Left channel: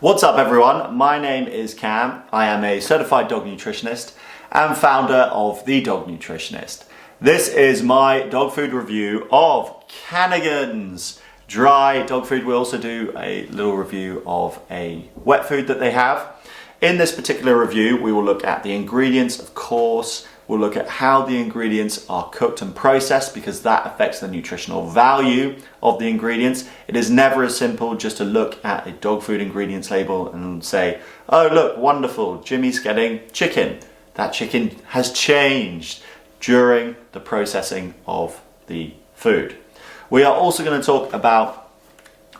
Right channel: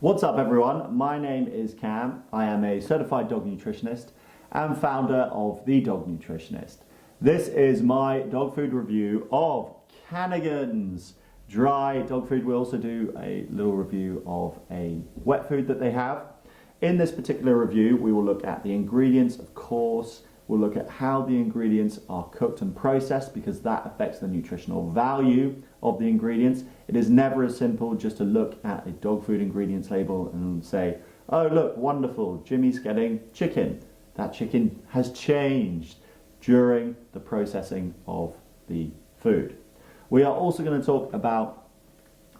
What's up everyone? My name is Cam. I am a certified dog nutritionist and founder of The Dog Nutritionist. This is my dog food review of Canagan's dry dog food. We also do a little review of a wet food that they have. In this particular review, we will look at the ingredients, of course. We'll look at how the ingredients are cooked and processed because that affects the nutritional value of the ingredients. It is never as simple just to look at a dog food ingredients label and say, oh look, wonderful, Jimmy's getting chicken. That chicken has changed during the processing of the food. We are also going to talk about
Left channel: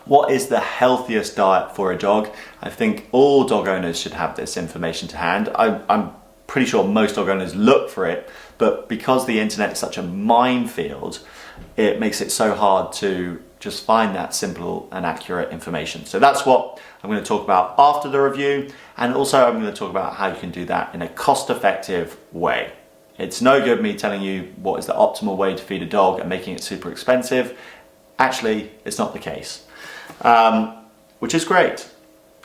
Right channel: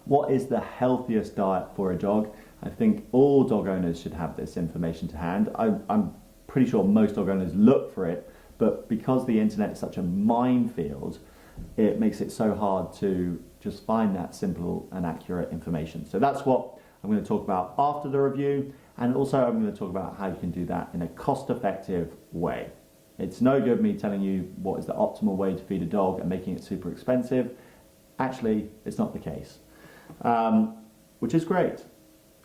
what is the healthiest diet for a dog. I think all dog owners should have this information to hand. I'm pretty sure most dog owners look for it, but because the internet is such a minefield, it makes it so hard to just find that simple and accurate information. So that's what I'm going to talk about after the review, and also I'm going to talk about how you can do that in a cost-effective way. It's no good me telling you what is the optimal way to feed a dog and making it super expensive. Actually, it's not the case, which is great.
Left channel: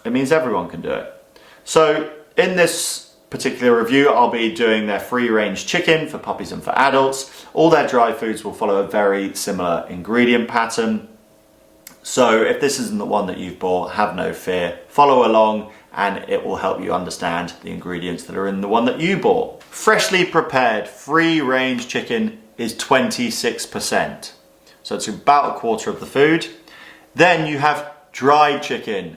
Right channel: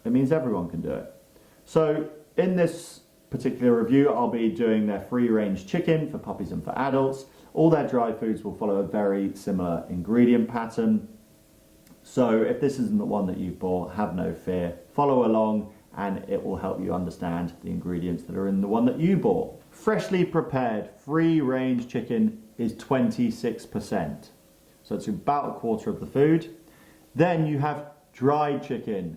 It means everyone can do it. So in this particular review, I'll be doing their free-range chicken for puppies and for adults. All their dry foods will follow a very similar ingredient pattern. So if this isn't the one that you've bought, have no fear. Follow along and it will help you understand the ingredients that are in the one that you bought. Freshly prepared free-range chicken is 26%. So it's about a quarter of the food. Then you have dried chicken,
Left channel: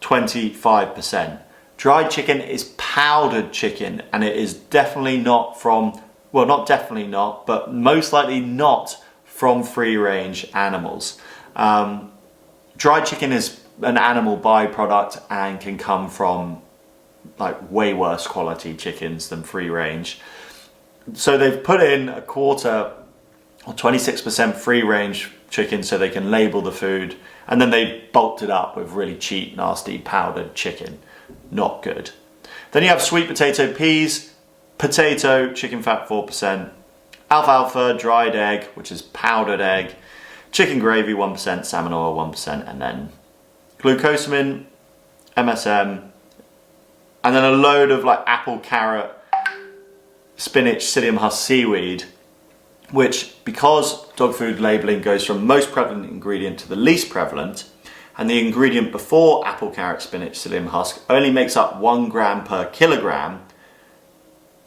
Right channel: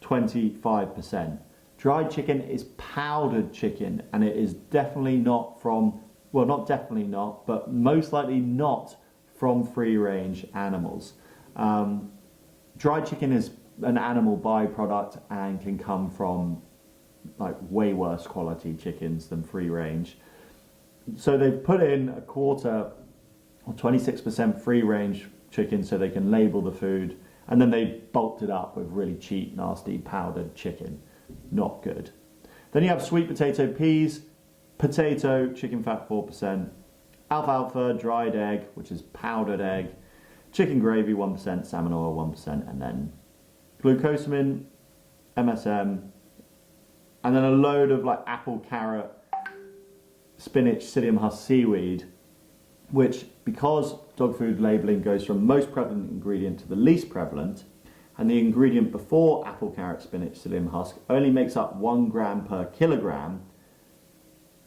25%. Dried chicken is powdered chicken, and it is definitely not from, well, not definitely not, but most likely not from free-range animals. Dried chicken is an animal byproduct and can come from like way worse quality chickens than free-range. So they've put in a quarter or 26% free-range chicken so they can label the food, and then they bulked it up with really cheap, nasty powdered chicken. Not good. Then you have sweet potato peas, potato, chicken fat 4%, alfalfa, dried egg, which is powdered egg, chicken gravy 1%, salmon oil 1%, and then glucosamine, MSM, and then a load of like apple, carrot, spinach, psyllium husk seaweed, which because dog food labeling goes from most prevalent ingredient to the least prevalent, and the ingredient before apple, carrot, spinach, psyllium husk only makes up 1 gram per kilogram,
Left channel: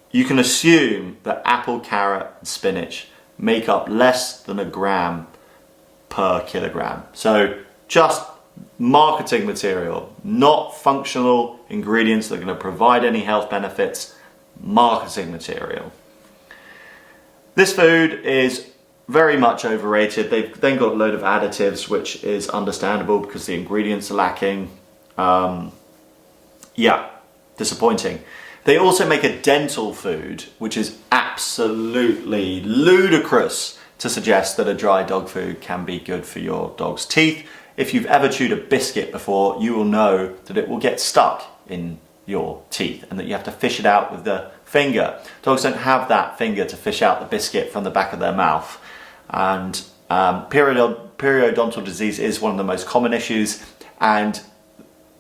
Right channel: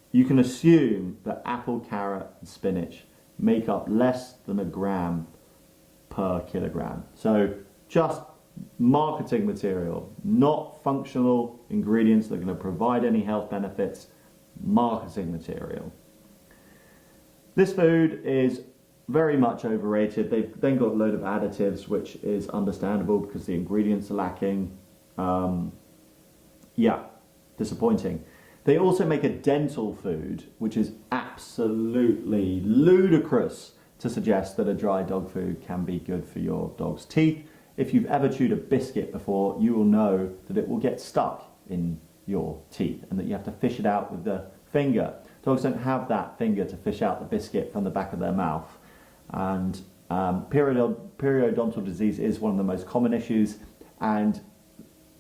you can assume that apple, carrot, and spinach make up less than 1 gram per kilogram. So just marketing material, not functional ingredients that are going to provide any health benefits, marketing material. This food is very much overrated. They've then got a load of additives, which is understandable because the ingredients are lacking. Yeah, disappointing. They also make a dental food, which is absolutely ludicrous to suggest that a dry dog food can be good for your dog's teeth. If you've ever chewed a biscuit before, you will know that it will get stuck in your teeth and that you have to fish it out with the finger. Dogs don't have that finger to fish out the biscuit from the back of their mouth. And periodontal disease is one of the most common issues, and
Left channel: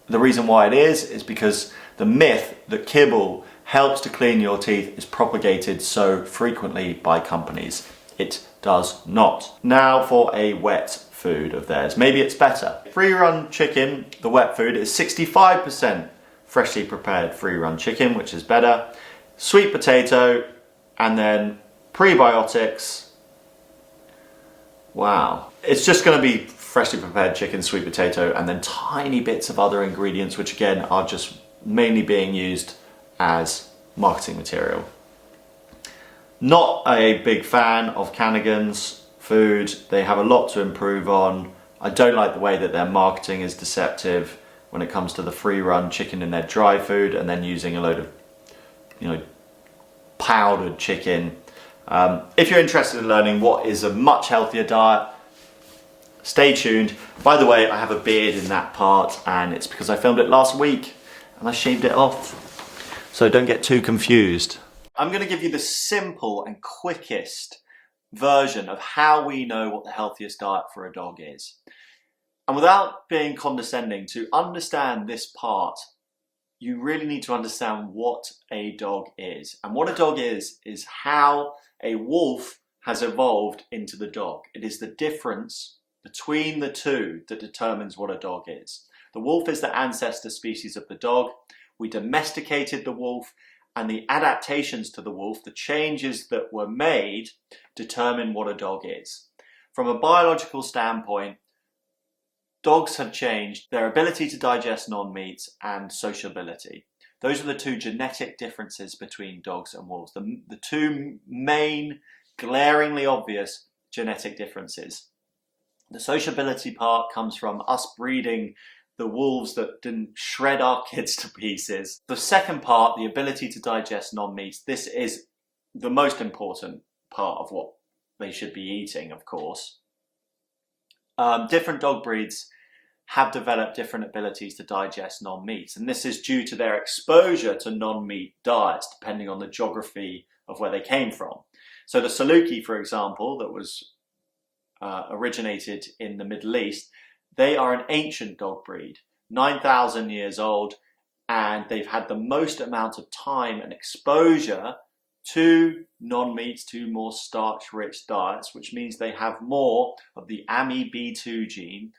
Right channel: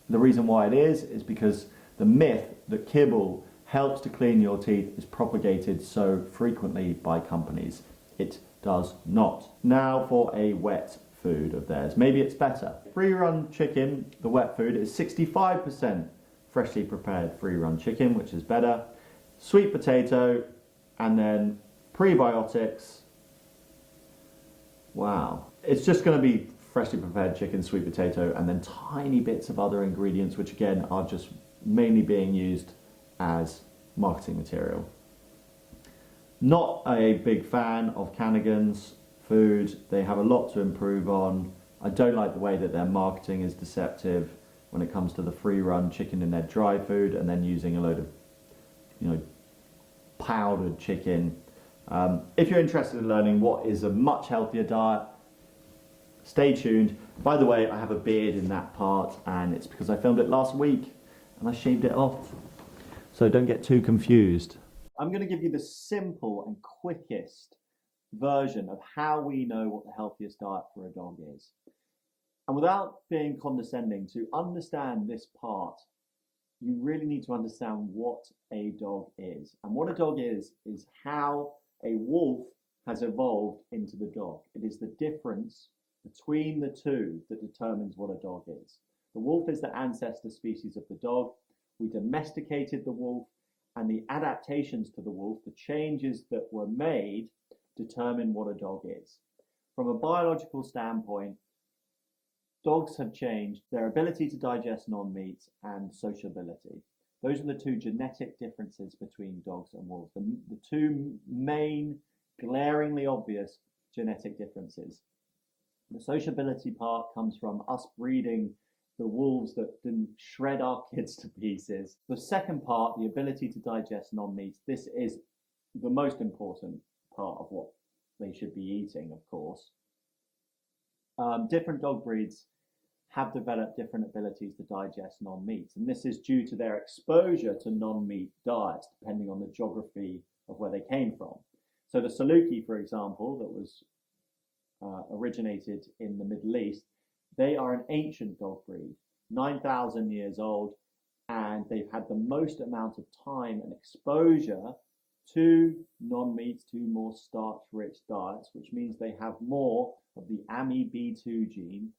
the reason why it is because the myth that kibble helps to clean your teeth is propagated so frequently by companies. It does not. Now for a wet food of theirs. Maybe it's better. Free-run chicken, the wet food, is 65% freshly prepared free-run chicken, which is better. Sweet potato, and then prebiotics. Wow. It's just going to be freshly prepared chicken, sweet potato, and then tiny bits of other ingredients, which again are just mainly being used as marketing material. Not a big fan of Canagan's food. They have a lot to improve on. I don't like the way that their marketing is deceptive when it comes to the free-run chicken in their dry food and then using a load of, powdered chicken. If you're interested in learning what is a much healthier diet, stay tuned. By the way, I have a beard in that part, and it's because I filmed it last week and I shaved it off. So don't get too confused. I'm going to give you the simple and quickest version of how we know what the healthiest diet for a dog is. And without being condescending, to understand this part, you really need to understand what a dog is. And what a dog is how a wolf has evolved into the dog. It is the difference between the two that determines what a dog is. The wolf is the ancestor species of the dog. We domesticated the wolf, and the adaptations to the wolf, the changes that were made, determine what a dog is. From a biological standpoint, dogs have changed their ability to digest non-meats and sociability. Those are the two genetic differences between dogs and wolves, the two main, glaringly obvious genetic differences. The sociability part comes from us breeding the wolves that didn't shred our kids to pieces. The second part, the ability to digest non-meats, this is the most important part of what they should be eating, of course. Different dog breeds have developed different abilities to digest non-meats, and this is due to their exposure to non-meat diets, depending on the geography of where they came from. So the Saluki, for example, that was originated in the Middle East, they are an ancient dog breed, 9,000 years old, and they've had the most amount of time and exposure to non-meats, to more starch-rich diets, which means they have more of the AMY-B2 gene,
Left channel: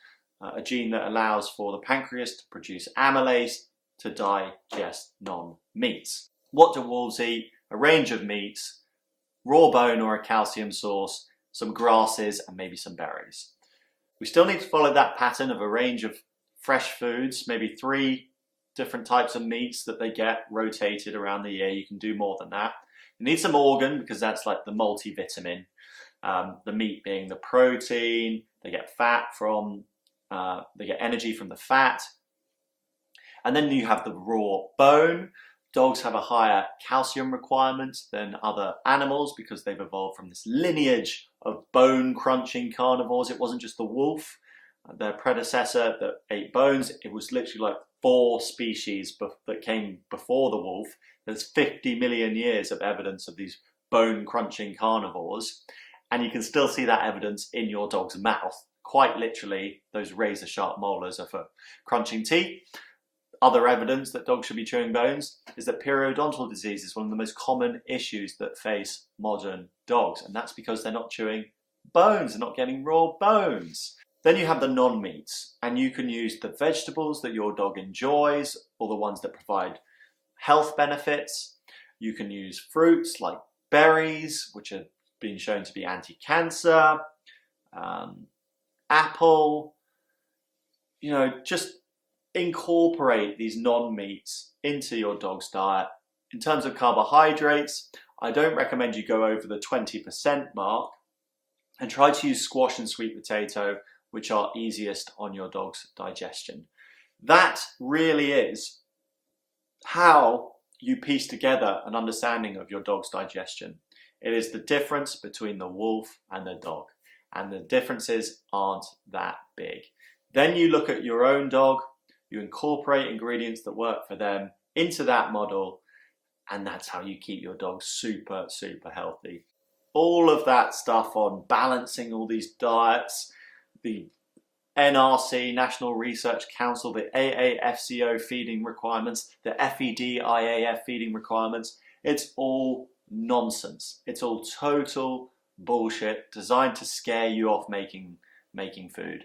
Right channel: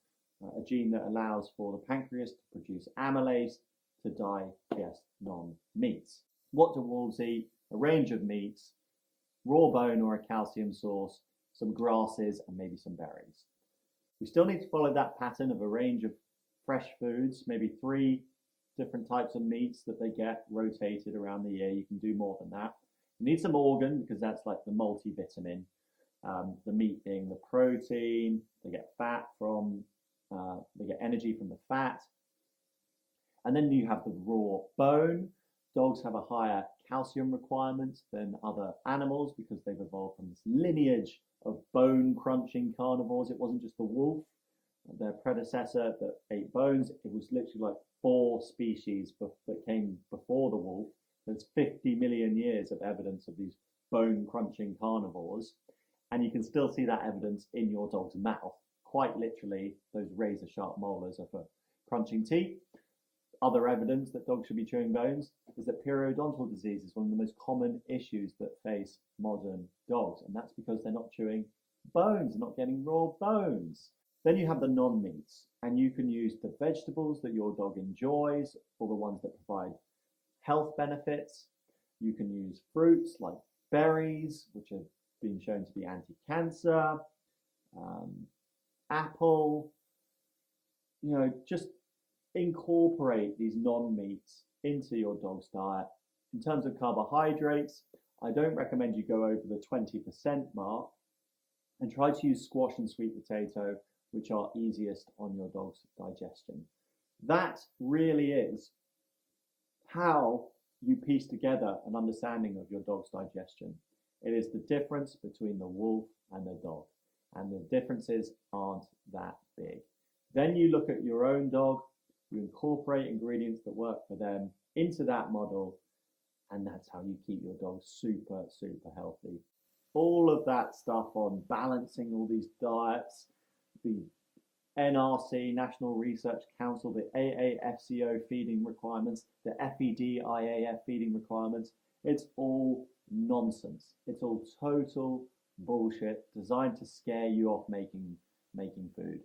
a gene that allows for the pancreas to produce amylase to digest non-meats. What do wolves eat? A range of meats, raw bone or a calcium source, some grasses, and maybe some berries. We still need to follow that pattern of a range of fresh foods, maybe 3 different types of meats that they get rotated around the year. You can do more than that. You need some organ, because that's like the multivitamin. The meat being the protein, they get fat from, they get energy from the fat. And then you have the raw bone. Dogs have a higher calcium requirement than other animals because they've evolved from this lineage of bone crunching carnivores. It wasn't just the wolf, their predecessor, that ate bones. It was literally like 4 species that came before the wolf. There's 50 million years of evidence of these bone crunching carnivores, and you can still see that evidence in your dog's mouth. Quite literally, those razor sharp molars are for crunching teeth. Other evidence that dogs should be chewing bones is that periodontal disease is one of the most common issues that face modern dogs, and that's because they're not chewing bones, they're not getting raw bones. Then you have the non-meats, and you can use the vegetables that your dog enjoys, or the ones that provide health benefits. You can use fruits like berries, which have been shown to be anti-cancer, apple, just incorporate these non-meats into your dog's diet. In terms of carbohydrates, I don't recommend you go over the 20% mark, and try to use squash and sweet potato, which are easiest on your dog's digestion. That really is how you piece together an understanding of your dog's digestion. It is the difference between the wolf and the dog, and the differences aren't that big. Then you look at your own dog, you incorporate ingredients that work for them into that model, and that's how you keep your dog super, super healthy. All of that stuff on balancing all these diets, the NRC, National Research Council, the AAFCO feeding requirements, the FED-IAF feeding requirements, it's all nonsense. It's all total bullshit designed to scare you off making food.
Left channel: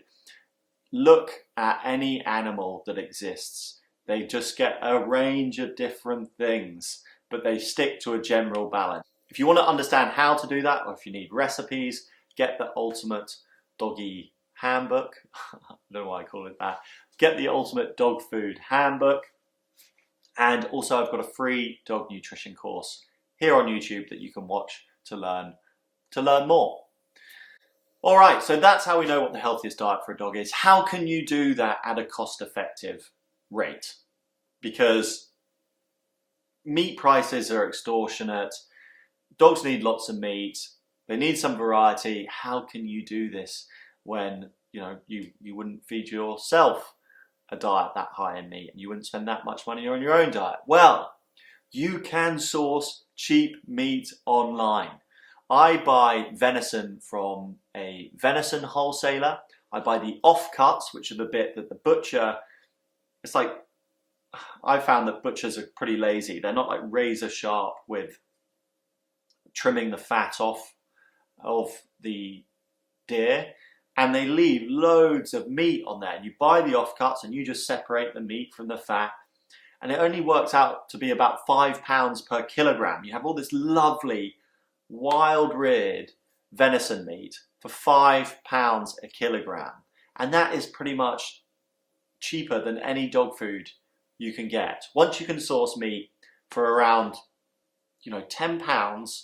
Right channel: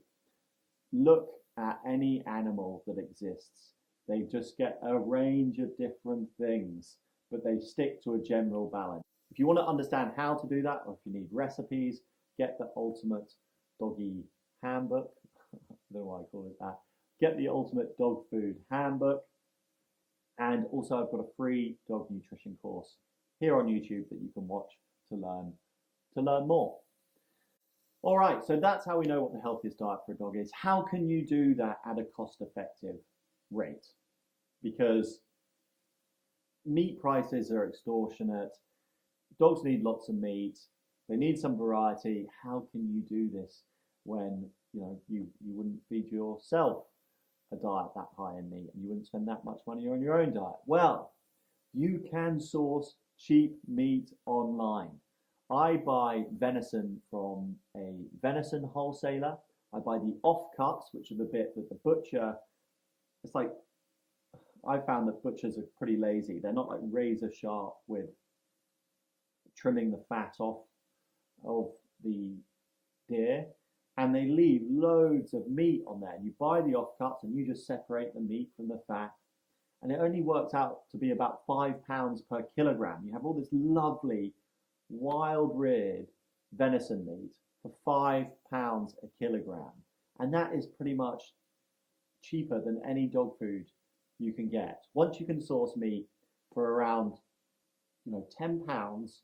Look at any animal that exists. They just get a range of different things, but they stick to a general balance. If you want to understand how to do that, or if you need recipes, get the Ultimate Doggy Handbook. I don't know why I call it that. Get the Ultimate Dog Food Handbook. And also I've got a free dog nutrition course here on YouTube that you can watch to learn more. All right, so that's how we know what the healthiest diet for a dog is. How can you do that at a cost-effective rate? Because meat prices are extortionate. Dogs need lots of meat. They need some variety. How can you do this when you wouldn't feed yourself a diet that high in meat, and you wouldn't spend that much money on your own diet? Well, you can source cheap meat online. I buy venison from a venison wholesaler. I buy the offcuts, which are the bit that the butcher, it's like, I found that butchers are pretty lazy. They're not like razor sharp with trimming the fat off of the deer, and they leave loads of meat on there. You buy the offcuts and you just separate the meat from the fat, and it only works out to be about £5 per kilogram. You have all this lovely wild reared venison meat for £5 a kilogram, and that is pretty much cheaper than any dog food you can get. Once you can source meat for around, £10,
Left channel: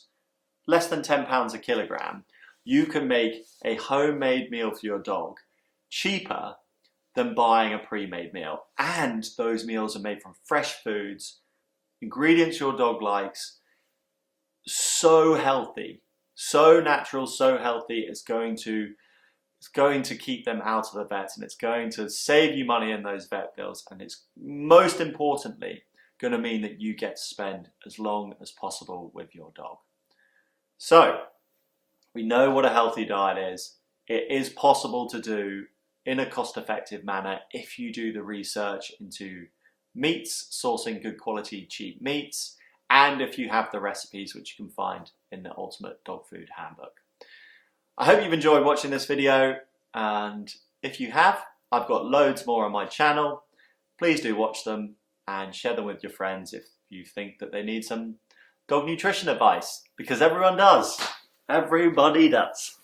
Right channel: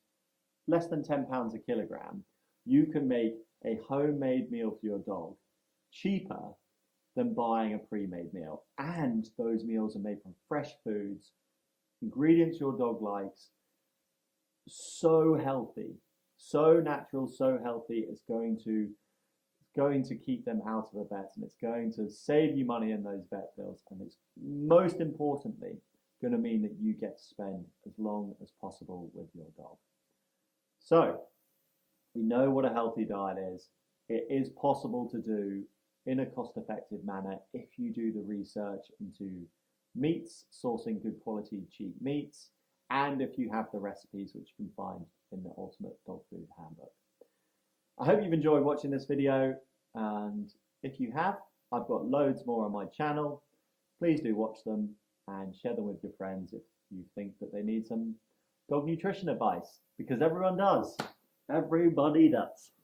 less than £10 a kilogram, you can make a homemade meal for your dog cheaper than buying a pre-made meal. And those meals are made from fresh foods, ingredients your dog likes, so healthy, so natural, so healthy. It's going to keep them out of the vet, and it's going to save you money in those vet bills, and it's most importantly going to mean that you get to spend as long as possible with your dog. So we know what a healthy diet is. It is possible to do in a cost-effective manner if you do the research into meats, sourcing good quality cheap meats, and if you have the recipes which you can find in the Ultimate Dog Food Handbook. I hope you've enjoyed watching this video, and if you have, I've got loads more on my channel. Please do watch them and share them with your friends if you think that they need some dog nutrition advice, because everyone does. Everybody does.